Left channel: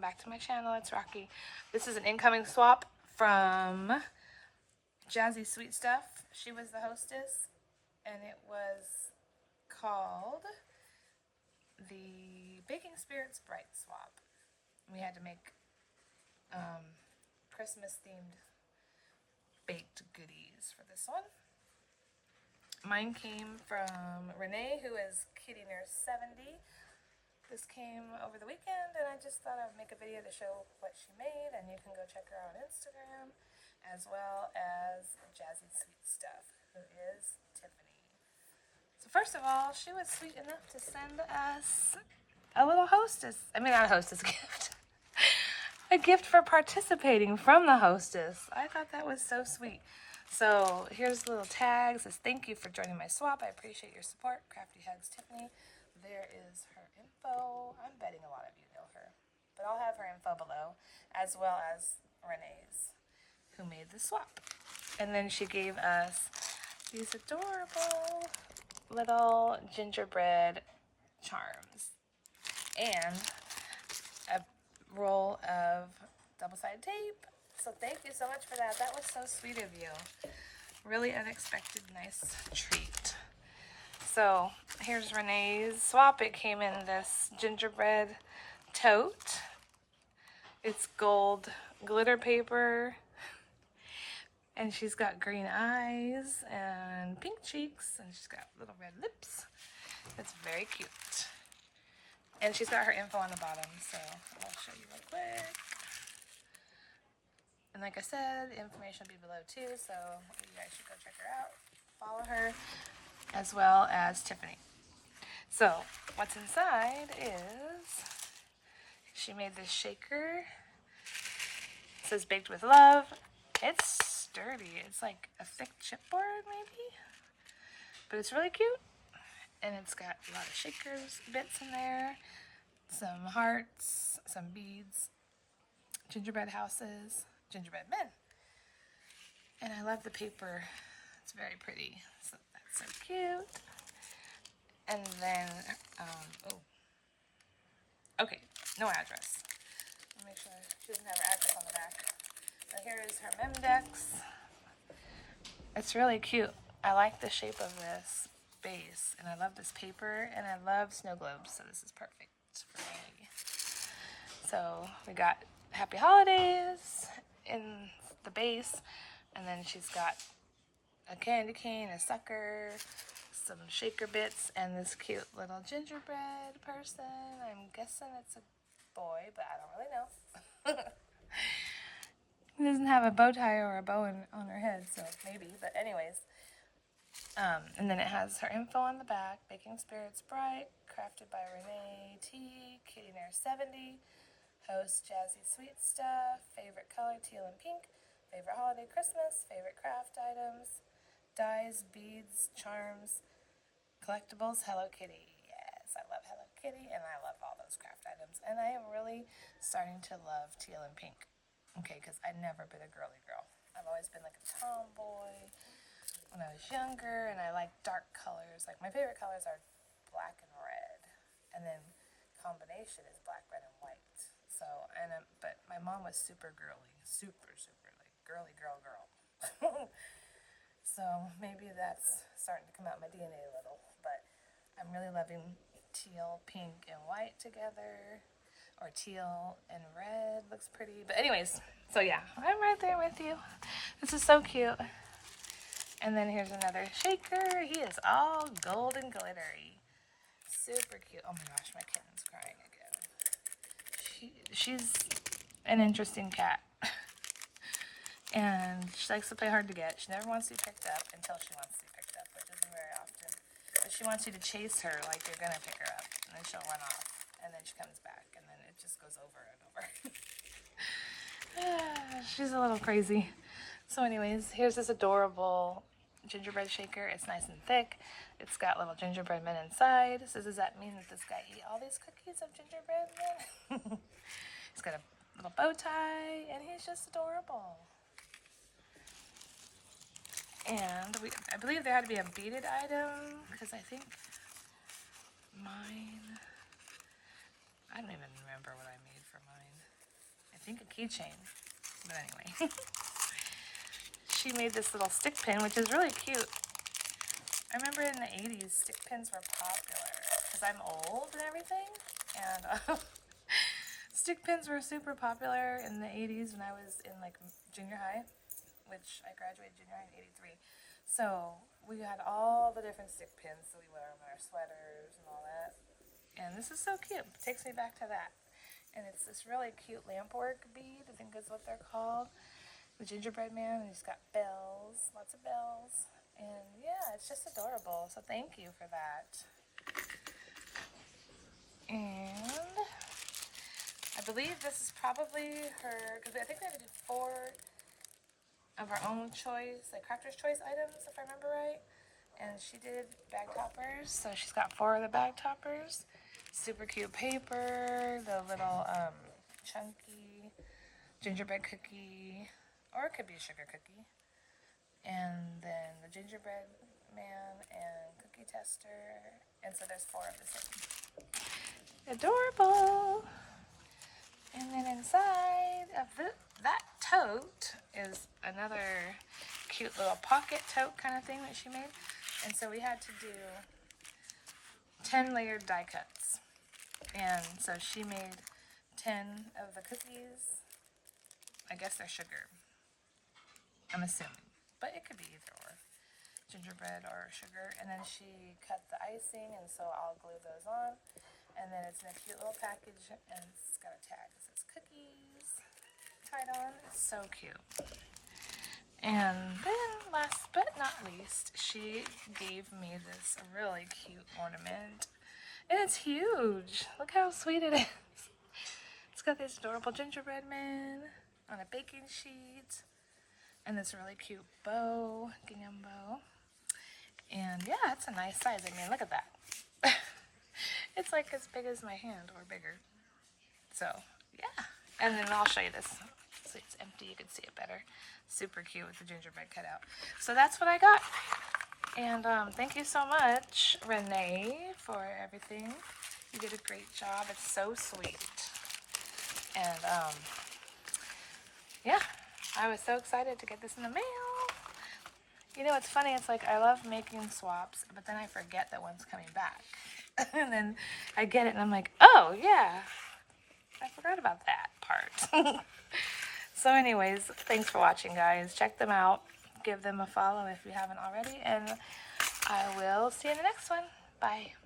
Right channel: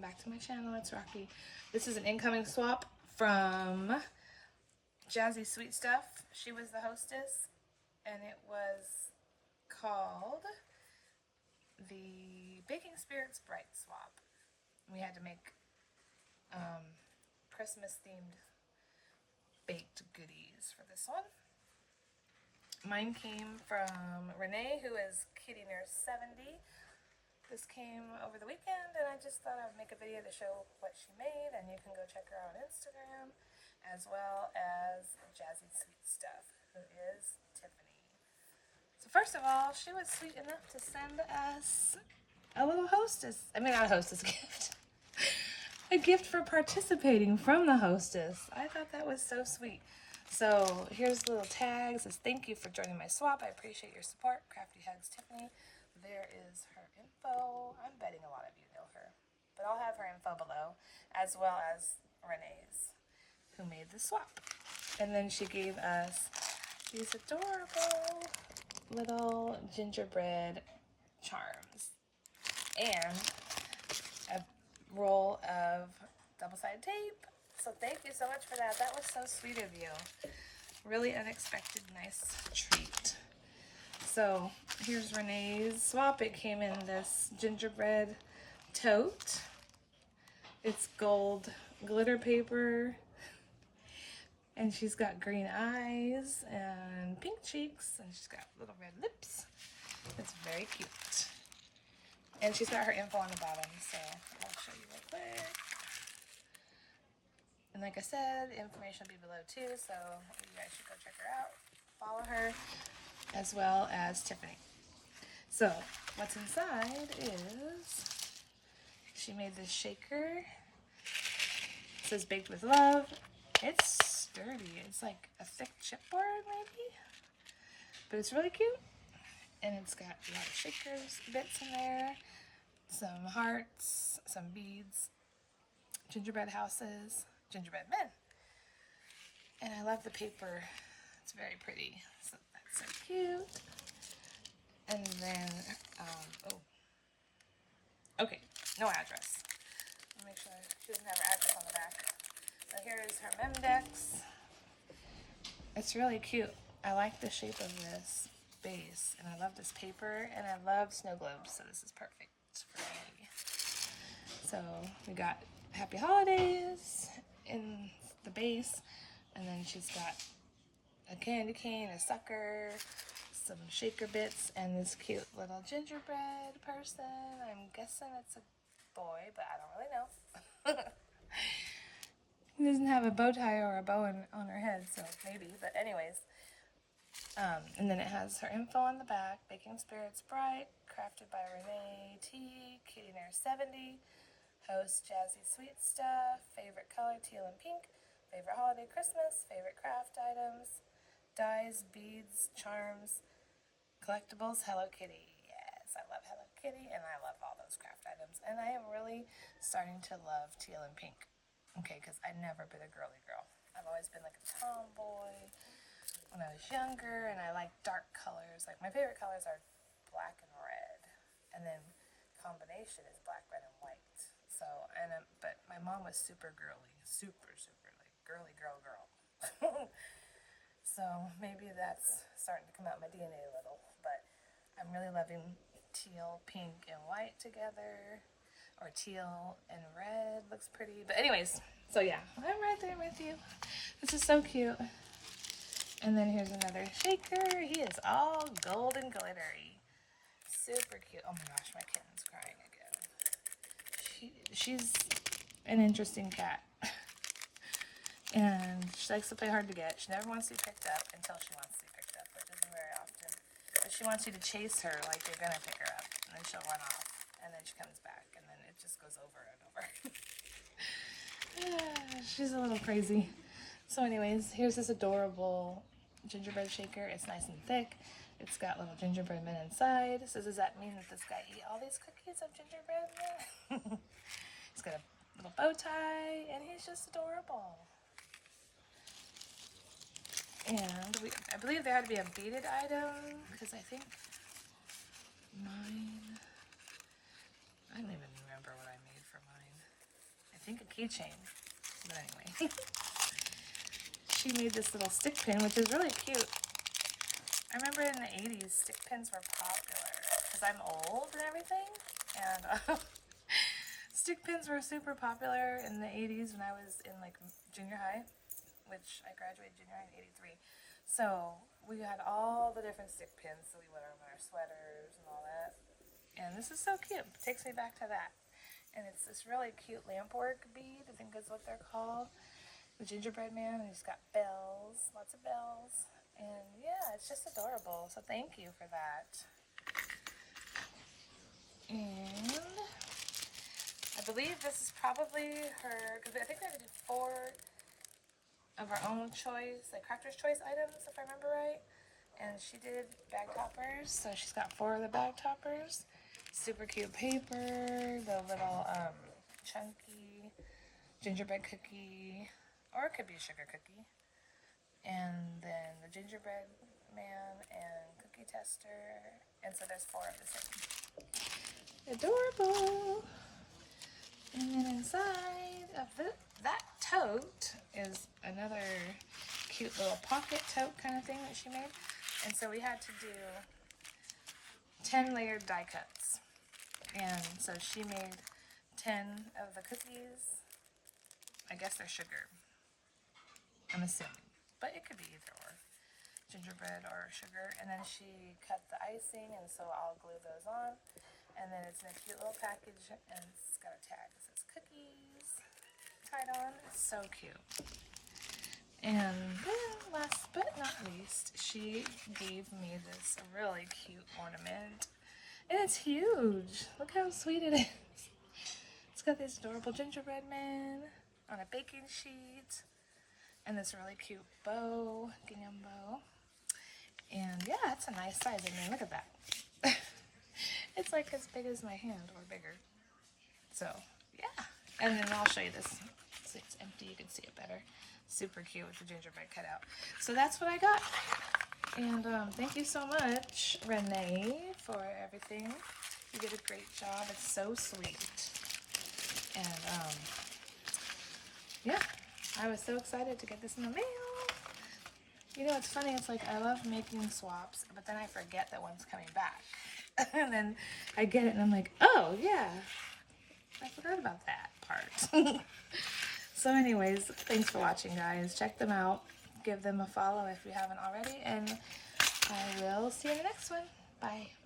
welcome back to my channel. It's Rocky. This is an incoming swap from Jazzy-sweetstuff. She was the hostess, and it was called the Baking Spirits Bright Swap. We had to make Christmas-themed baked goodies for this one. Mine came from Renee, who is kitty nurse 70. This came over the weekend, and I just thought I'd make a video to show what she made, and you can go check her out on Instagram, as well as Jazzy-sweetstuff, who is Tiffany. So first of all, she was sweet enough to send us a little hostess. I mean, not a hostess gift. A gift for participating from the hostess. I thought that was so sweet. So here's the little tag. It says, "Thank you for joining my swap. I appreciate your support. Crafty hugs, Tiffany." There is her info. I'm betting a lot of you know her, but I'll have her info below, as well as Renee's, who made the swap. And then she gave us these adorable little gingerbread charms and a roll of double-sided tape. So thank you so much for that. That was so sweet of you. Really unexpected, nice treat. So here's Renee's swap. It came in this gingerbread tote. It's gold glitter paper. And she's got green eyes and pink cheeks. And she's got little red lips. It's very cute. And she's got her info on the bottom. So I'll show you real quick. And like I said, the information will be below too. So you guys should go check her out. Follow her, as well as Tiffany. So what's inside is she made this shaker. It says baked with love. It's sturdy. It's like a thick chipboard maybe, but it's really cute. And it's got a lot of shakers bits in there, some hearts, some beads, gingerbread houses, gingerbread men. And I love the paper. It's very pretty. So that's so cute. And then, okay, no address. Let me make sure she doesn't have an address on the back. So here is her Mendex. It's really cute. I like the shape of this base, and I love this paper, and I love snow globes, so this is perfect for me. So we got Happy Holidays in the base, and then she's got a candy cane, a sucker, some shaker bits, and this cute little gingerbread person. I'm guessing it's a boy, but I don't really know. He doesn't have a bow tie or a bow on her head, so maybe, but anyways. And then it has her info on the back. Baking Spirits Bright, crafted by Renee T, kitty nurse 70, host Jazzy-sweetstuff, favorite color teal and pink, favorite holiday Christmas, favorite craft items, dyes, beads, charms, collectibles, Hello Kitty. Yes, I love Hello Kitty, and I love all those craft items. And I am really starting to love teal and pink. Okay, because I've never been a girly girl. I've always been like a tomboy when I was younger, and I like dark colors. Like my favorite colors are black and red, and then combination is black, red, and white. So, but my mom was super girly, super like girly girl. So maybe that's starting to come out in my DNA a little, but I'm really loving teal, pink, and white together, or teal and red looks pretty. But anyways, so yeah, I'm right there with you. This is so cute. And then here's another shaker. He is all gold and glittery. Super cute. Oh my gosh, my kitten's crying again. She's an interesting cat. And she likes to play hard to get. She never wants to be picked up until she wants to be picked up, which isn't very often. But she wants you to chase her like you're going to pick her up. And then she'll run off. And then she comes back. And then it just goes over and over. She's a little crazy. So anyways, here's this adorable gingerbread shaker. It's nice and thick. It's got little gingerbread men inside. So does that mean that this guy ate all these cookies of gingerbread men? He's got a little bow tie, and he's just adorable. And I believe there had to be a beaded item, because I think mine, I don't even remember what I made for mine. think a keychain. But anyway. She made this little stick pin, which is really cute. I remember in the 80s, stick pins were popular because I'm old and everything. And stick pins were super popular in the 80s when I was in like junior high, which I graduated junior high in 83. So we had all the different stick pins that we wear on our sweaters and all that. And this is so cute. It takes me back to that. And it's this really cute lampwork bead, I think is what they're called. The gingerbread man, and he's got bells, lots of bells. And yeah, it's just adorable. So thank you for that. And I believe this is probably her, because I think we have to do 4 of our own choice, like crafter's choice items, if I remember right. And she did bag toppers, so she's got 4 of the bag toppers. Super cute paper, the little chunky gingerbread cookie, or it could be a sugar cookie. And then the gingerbread man and cookie tester. And so there's 4 of the same. Adorable. And then inside of that tote is another cute little pocket tote kind of thing that she made. And so we had to do 10 layered die cuts. And so she made 10 of the cookies. I guess they're sugar. I'm assuming. But it could be either or. Gingerbread or sugar. And then she cut the icing, and so I'll glue those on. And then it's in a cute little package, and it's got a tag that says cookies. Try it on. It's so cute. And then last but not least, she gave me this really cute ornament. And it's huge. Look how sweet it is. It's got this adorable gingerbread man on a baking sheet. And this really cute bow, gingham bow. And yeah, it's a nice size. I mean, look at that. It's like as big as my hand or bigger. So yeah. And then I'll show you this. So it's empty, you can see it better. Super cute with the gingerbread cutout. So that's what I got. And thank you so much, Renee, for everything. You did a great job. It's so sweet. And yeah. I was so excited to get this in the mail. You know, it's funny. It's like I love making swaps, but then I forget that one's coming back. And then I get it and I'm like, oh, yeah. I forgot about that part. So anyways, thanks for watching, guys. Check them out. Give them a follow if you haven't already. And I will see you in the next one. Bye.